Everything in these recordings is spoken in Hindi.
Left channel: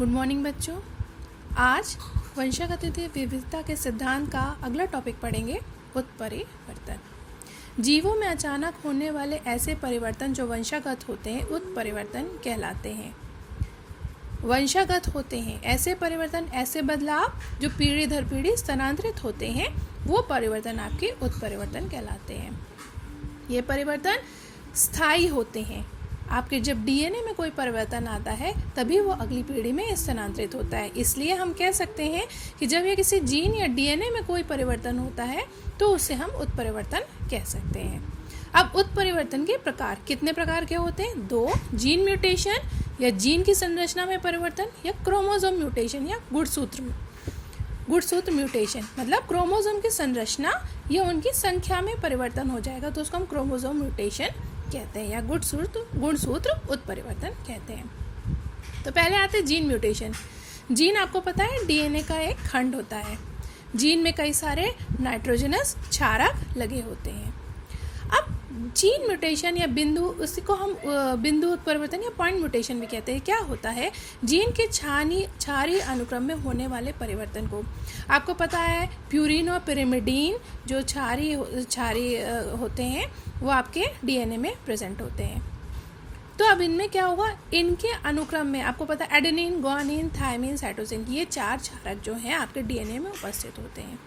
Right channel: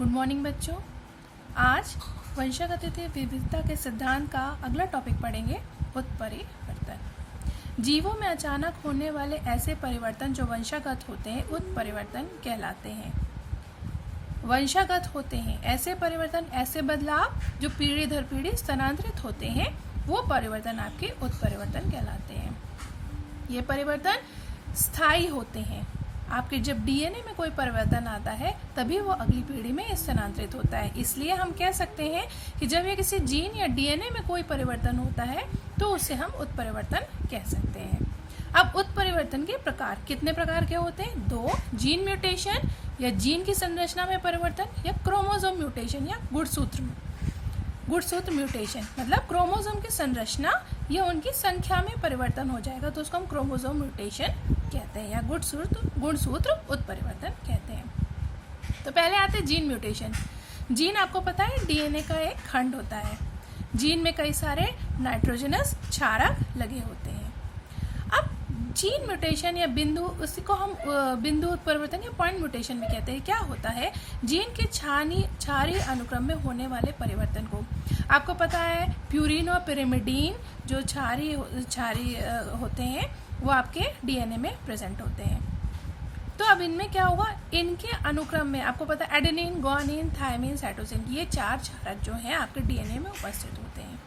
गुड मॉर्निंग बच्चों। आज वंशागत विविधता के सिद्धांत का अगला टॉपिक पढ़ेंगे, उत्परिवर्तन। जीवों में अचानक होने वाले ऐसे परिवर्तन जो वंशागत होते हैं उत्परिवर्तन कहलाते हैं। वंशागत होते हैं ऐसे परिवर्तन, ऐसे बदलाव जो पीढ़ी दर पीढ़ी स्थानांतरित होते हैं, वो परिवर्तन आपके उत्परिवर्तन कहलाते हैं। ये परिवर्तन स्थायी होते हैं। आपके जब डीएनए में कोई परिवर्तन आता है तभी वो अगली पीढ़ी में स्थानांतरित होता है। इसलिए हम कह सकते हैं कि जब ये किसी जीन या डीएनए में कोई परिवर्तन होता है तो उसे हम उत्परिवर्तन कह सकते हैं। अब उत्परिवर्तन के प्रकार कितने प्रकार के होते हैं? 2, जीन म्यूटेशन या जीन की संरचना में परिवर्तन, या क्रोमोसोम म्यूटेशन या गुणसूत्र म्यूटेशन, मतलब क्रोमोसोम की संरचना या उनकी संख्या में परिवर्तन हो जाएगा तो उसको हम क्रोमोसोम म्यूटेशन कहते हैं या गुणसूत्र उत्परिवर्तन कहते हैं। तो पहले आते हैं जीन म्यूटेशन। जीन आपको पता है डीएनए का एक खंड होता है। जीन में कई सारे नाइट्रोजनस क्षारक लगे होते हैं। अब जीन म्यूटेशन या बिंदु, उसी को हम बिंदु उत्परिवर्तन या पॉइंट म्यूटेशन भी कहते हैं। क्या होता है? जीन के क्षारीय अनुक्रम में होने वाले परिवर्तन को, आपको पता है प्यूरिन और पिरिमिडीन जो क्षारीय होते हैं वो आपके डीएनए में प्रेजेंट होते हैं। तो अब इनमें क्या होगा? इनके अनुक्रम में आपको पता है एडेनिन, गुआनिन, थायमिन, साइटोसिन, ये 4 क्षारक जो हैं आपके डीएनए में उपस्थित होते हैं।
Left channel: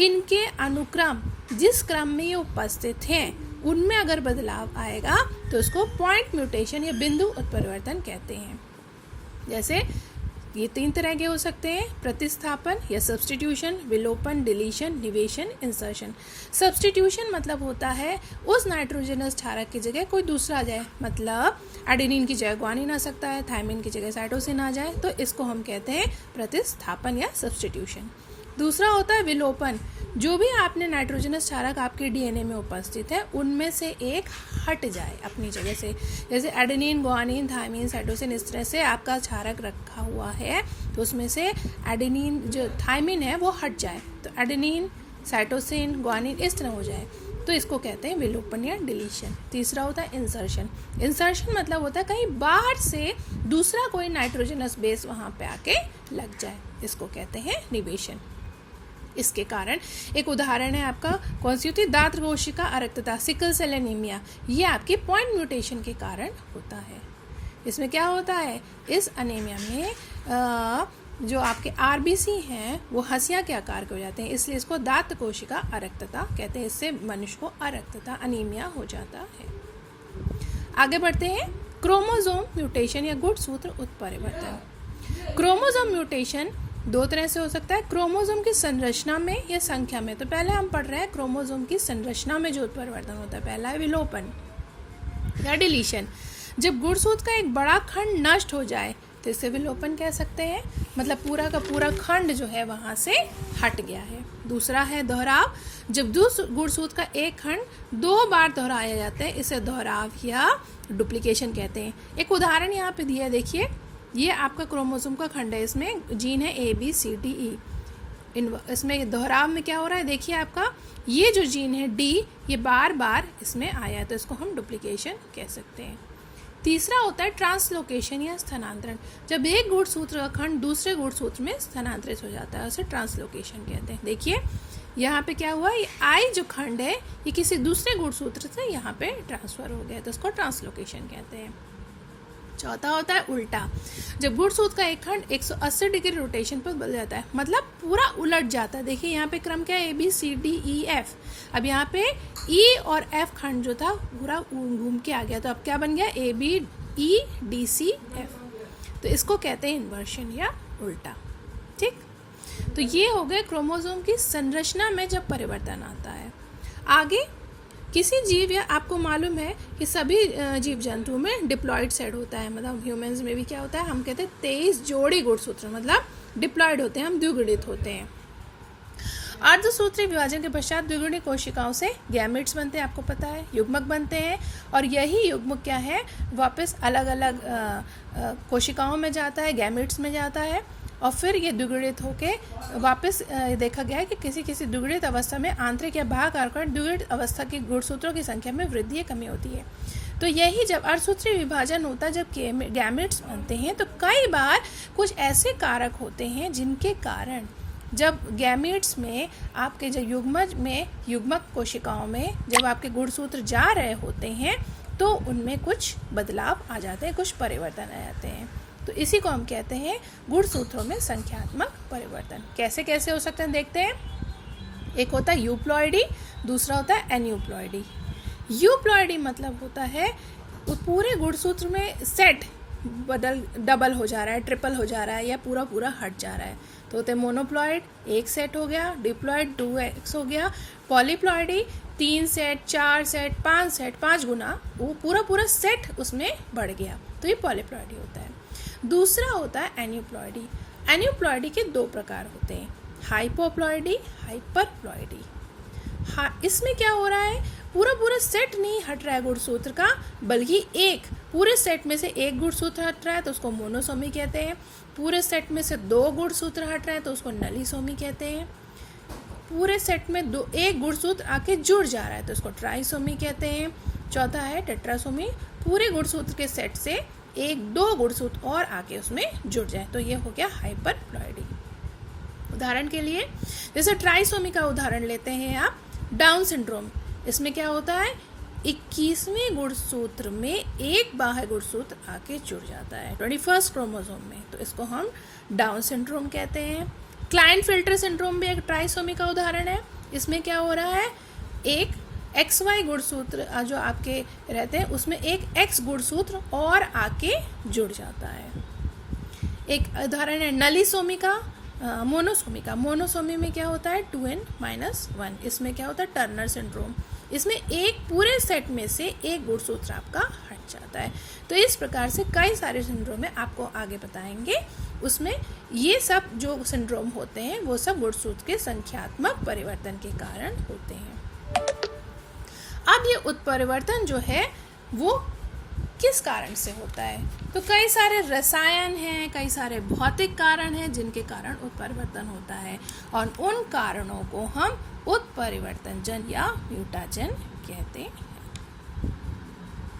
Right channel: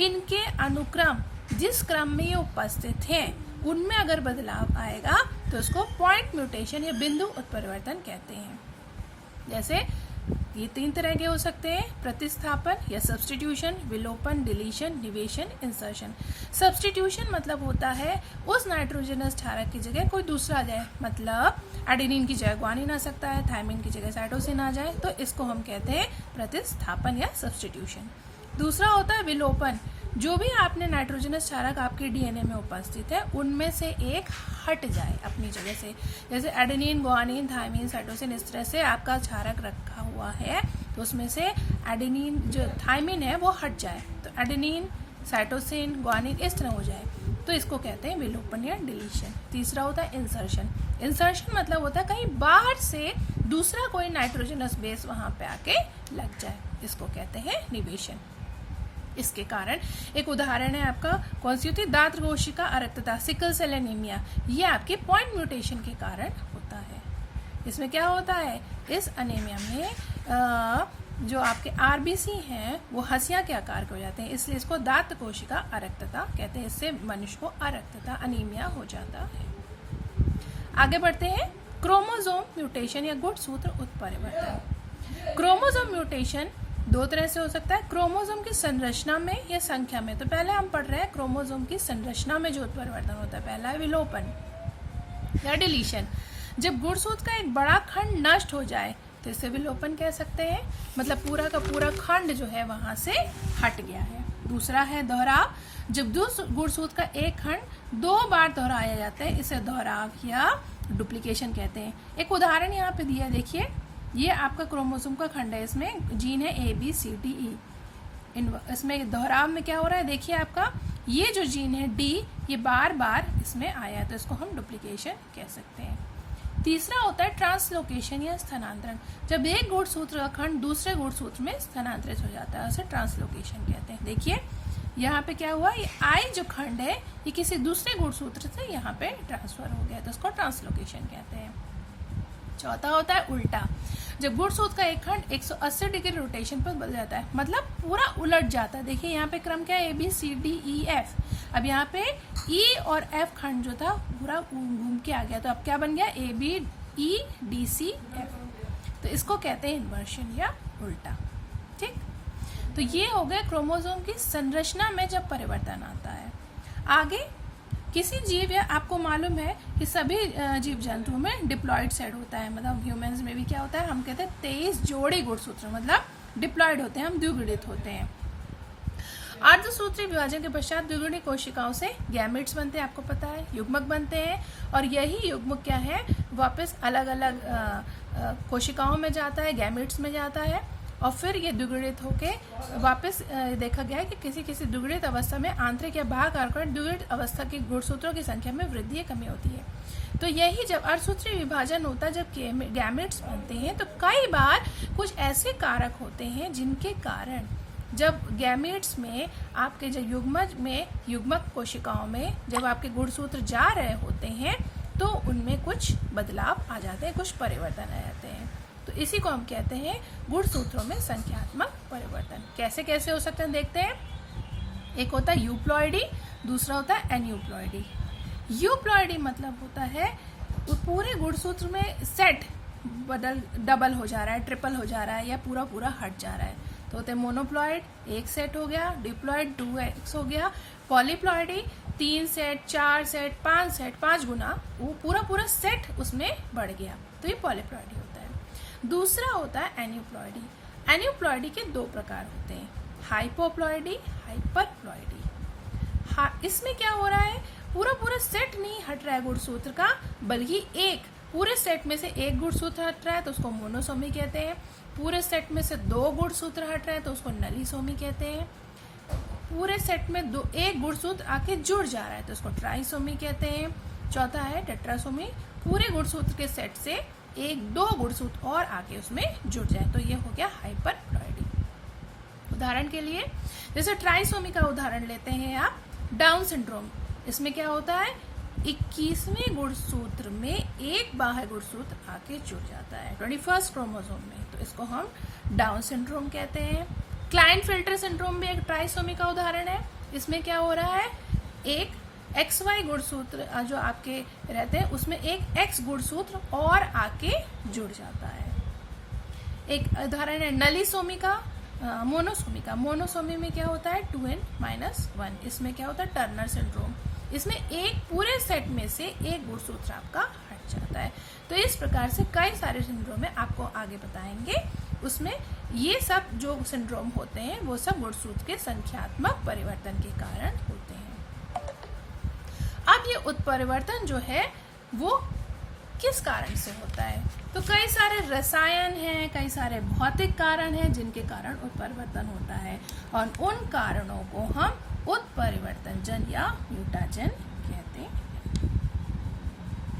इनके अनुक्रम जिस क्रम में ये उपस्थित हैं उनमें अगर बदलाव आएगा तो उसको पॉइंट म्यूटेशन या बिंदु उत्परिवर्तन कहते हैं। जैसे ये 3 तरह के हो सकते हैं: प्रतिस्थापन या सब्स्टिट्यूशन, विलोपन, डिलीशन, निवेशन, इंसर्शन। सब्स्टिट्यूशन मतलब होता है उस नाइट्रोजनस क्षारक की जगह कोई दूसरा आ जाए, मतलब एडेनिन की जगह गुआनिन आ सकता है, थायमिन की जगह साइटोसिन आ जाए, तो इसको हम कहते हैं प्रतिस्थापन या सब्स्टिट्यूशन। दूसरा होता है विलोपन, जो भी आपने नाइट्रोजनस क्षारक आपके डीएनए में उपस्थित है उनमें से एक हट जाए अपनी जगह से। जैसे एडेनिन, गुआनिन, थायमिन, साइटोसिन, इस तरह से आपका क्षारक रखा हुआ है तो उसमें से एडेनिन जो थायमिन है वो हट जाए, तो एडेनिन, साइटोसिन, गुआनिन इस तरह हो जाए, तो इसको कहते हैं विलोपन या डिलीशन। तीसरा होता है इंसर्शन। इंसर्शन मतलब होता है कहीं बाहर से दूसरा कोई नाइट्रोजनस बेस वहां पे आके लग जाए, इसको कहते हैं निवेशन। इसके कारण एक उदाहरण है आपका कौन सी होती है? दांत कोशिका अरक्तता, सिकल सेल एनीमिया। ये आपकी पॉइंट म्यूटेशन के कारण होता है। इसमें क्या होता है? इस एनीमिया में जो आपके आरबीसी हैं वो हंसिया के आकार के हो जाते हैं, इसलिए इसको दांत कोशिका अरक्तता कहते हैं। इससे मनुष्य को अरक्तता, अनीमिया हो जाता है। आगे बढ़ते हैं, क्रोमोसोम म्यूटेशन या गुणसूत्र उत्परिवर्तन। क्रोमोसोम म्यूटेशन 2 तरह से हो सकता है, क्रोमोसोम की संरचना में या संख्या में। तो पहले हम पढ़ रहे हैं क्रोमोसोम की संरचना में जो उत्परिवर्तन होता है। पहला है विलोपन या डिलीशन। जब गुणसूत्र का एक बड़ा खंड नष्ट हो जाए तो इसे विलोपन कह सकते हैं, मतलब पूरा का पूरा खंड जो है वहां से हट गया है। दूसरा है दोहराव। जब गुणसूत्र का एक खंड 2 बार दोहराया जाता है इसे दोहराव या डुप्लीकेशन कहते हैं। एक उदाहरण यहाँ पे दिया है, देखिए ये आपका क्रोमोसोम का खंड है, इसमें जीन है ABCDE। इसमें दोहराव में क्या हो रहा है? देखिए आपका ये जो जीन है D, ये बार बार इसमें आया है, तो इसको हम डुप्लीकेशन कह सकते हैं। तीसरा होता है ट्रांसलोकेशन या स्थानांतरण। जब एक गुणसूत्र का खंड दूसरे गुणसूत्र में स्थानांतरित हो जाता है उसे ट्रांसलोकेशन कहते हैं। देखिए यहाँ पे क्या हुआ? ये I जो खंड है ये किसी दूसरे गुणसूत्र से यहाँ पे ट्रांसफर हो गया, तो इसको ट्रांसलोकेशन कहते हैं। चौथा होता है उल्टा। जब गुणसूत्र का एक खंड 180 डिग्री रोटेशन पर बदल जाता है, मतलब पूरा उलट जाता है। देखिए यहाँ पे क्रम क्या है? ABCDEF। अब यहाँ पे E और F खंड जो था पूरा घूम के आ गया, तो अब क्या बन गया? ABEDCF। तो इसको कहते हैं इन्वर्शन या उल्टा। ठीक, तो ये हो गए क्रोमोसोम की संरचना में जब परिवर्तन आता है। आगे किसी जीव, या आपको मालूम है कि सभी जीव जंतुओं में डिप्लॉइड सेट होता है, मतलब ह्यूमंस में भी क्या होता है? हम कहते हैं 23 जोड़ी गुणसूत्र, मतलब डिप्लॉइड होते हैं, हम द्विगुणित होते हैं। अर्धसूत्री विभाजन के पश्चात द्विगुणित कोशिकाओं से गैमेट्स बनते हैं, आपको पता है, युग्मक बनते हैं, और यही युग्मक क्या है? वापस अलग अलग कोशिकाओं में जाता है, गैमेट्स में जाता है, और फिर ये द्विगुणित होके वापस देखा गया है कि किसी किसी द्विगुणित अवस्था में आंतरिक या बाह्य कारक द्विगुणित अवस्था की गुणसूत्रों की संख्या में वृद्धि या कमी होती है। तो यही जब अर्धसूत्री विभाजन होता है, जब गैमेट्स बनते हैं, तो कई बार कुछ ऐसे कारक होते हैं जिनके कारण जब गैमेट्स में आपके जो युग्मक कोशिकाओं में जब आपके गुणसूत्र जा रहे होते हैं तो उनमें कुछ बदलाव आ जाते हैं, कुछ परिवर्तन आ जाते हैं। तो इसी को हम कहते हैं गुणसूत्रों में संख्यात्मक परिवर्तन। कैसे कैसे हो सकते हैं देखते हैं। एक होता है यूप्लॉइडी, दूसरा होता है एन्यूप्लॉइडी। यूप्लॉइडी मतलब होता है पूरे गुणसूत्र में सेट डबल हो जा रहा है, ट्रिपल हो जा रहा है या पूरा पूरा हट जा रहा है। तो होते हैं मोनोप्लॉइड, एक सेट हो गया, डिप्लॉइड 2x हो गया, पॉलीप्लॉइडी 3 सेट, 4 सेट, 5 सेट, 5 गुना वो पूरा पूरा सेट उसमें बढ़ गया, तो ये पॉलीप्लॉइडी होता है। दूसरा होता है एन्यूप्लॉइडी। एन्यूप्लॉइडी के 2 प्रकार होते हैं, हाइपोप्लॉइडी, हाइपरप्लॉइडी। इसमें क्या हो रहा है, पूरा पूरा सेट नहीं हट रहा है गुणसूत्र का, बल्कि एक पूरे सेट में से एक गुणसूत्र हट रहा है तो उसको मोनोसोमी कहते हैं। पूरे सेट में से 2 गुणसूत्र हट रहे हैं तो उसको नलीसोमी कहते हैं। पूरे सेट में एक गुणसूत्र आके जुड़ जा रहा है तो उसको ट्राइसोमी कहते हैं। चौथा है टेट्रासोमी, पूरे गुणसूत्र के सेट से 1-2 गुणसूत्र और आके उसमें जुड़ जाए तो ये हो गया हाइपरप्लॉइडी। उदाहरण के लिए जैसे ट्राइसोमी का उदाहरण लेते हैं आप, डाउन सिंड्रोम। इसमें क्या होता है, 21वें गुणसूत्र में एक बाह्य गुणसूत्र आके जुड़ जाता है 21st क्रोमोसोम में, तो इसको हम डाउन सिंड्रोम कहते हैं। क्लाइंट-फिल्टर सिंड्रोम भी एक ट्राइसोमी का उदाहरण है। इसमें क्या हो रहा है, एक XY गुणसूत्र जो आपके रहते हैं उसमें एक X गुणसूत्र और आके जुड़ जाता है। एक उदाहरण है नलीसोमी का, मोनोसोमी का। मोनोसोमी में क्या होता है 2n-1। इसमें क्या होता है टर्नर सिंड्रोम। इसमें एक पूरे सेट में से एक गुणसूत्र आपका हट जाता है। तो इस प्रकार से कई सारे सिंड्रोम है, आपको आगे बताएंगे। उसमें ये सब जो सिंड्रोम होते हैं वो सब गुणसूत्र के संख्यात्मक परिवर्तन के कारण होते हैं। अब ये उत्परिवर्तन जो है वो किस कारण से होता है, तो कई सारे रसायन हैं, कई सारे भौतिक कारण हैं जिनके कारण उत्परिवर्तन होता है और उन कारणों को हम उत्परिवर्तनजन या म्यूटाजन कहते हैं।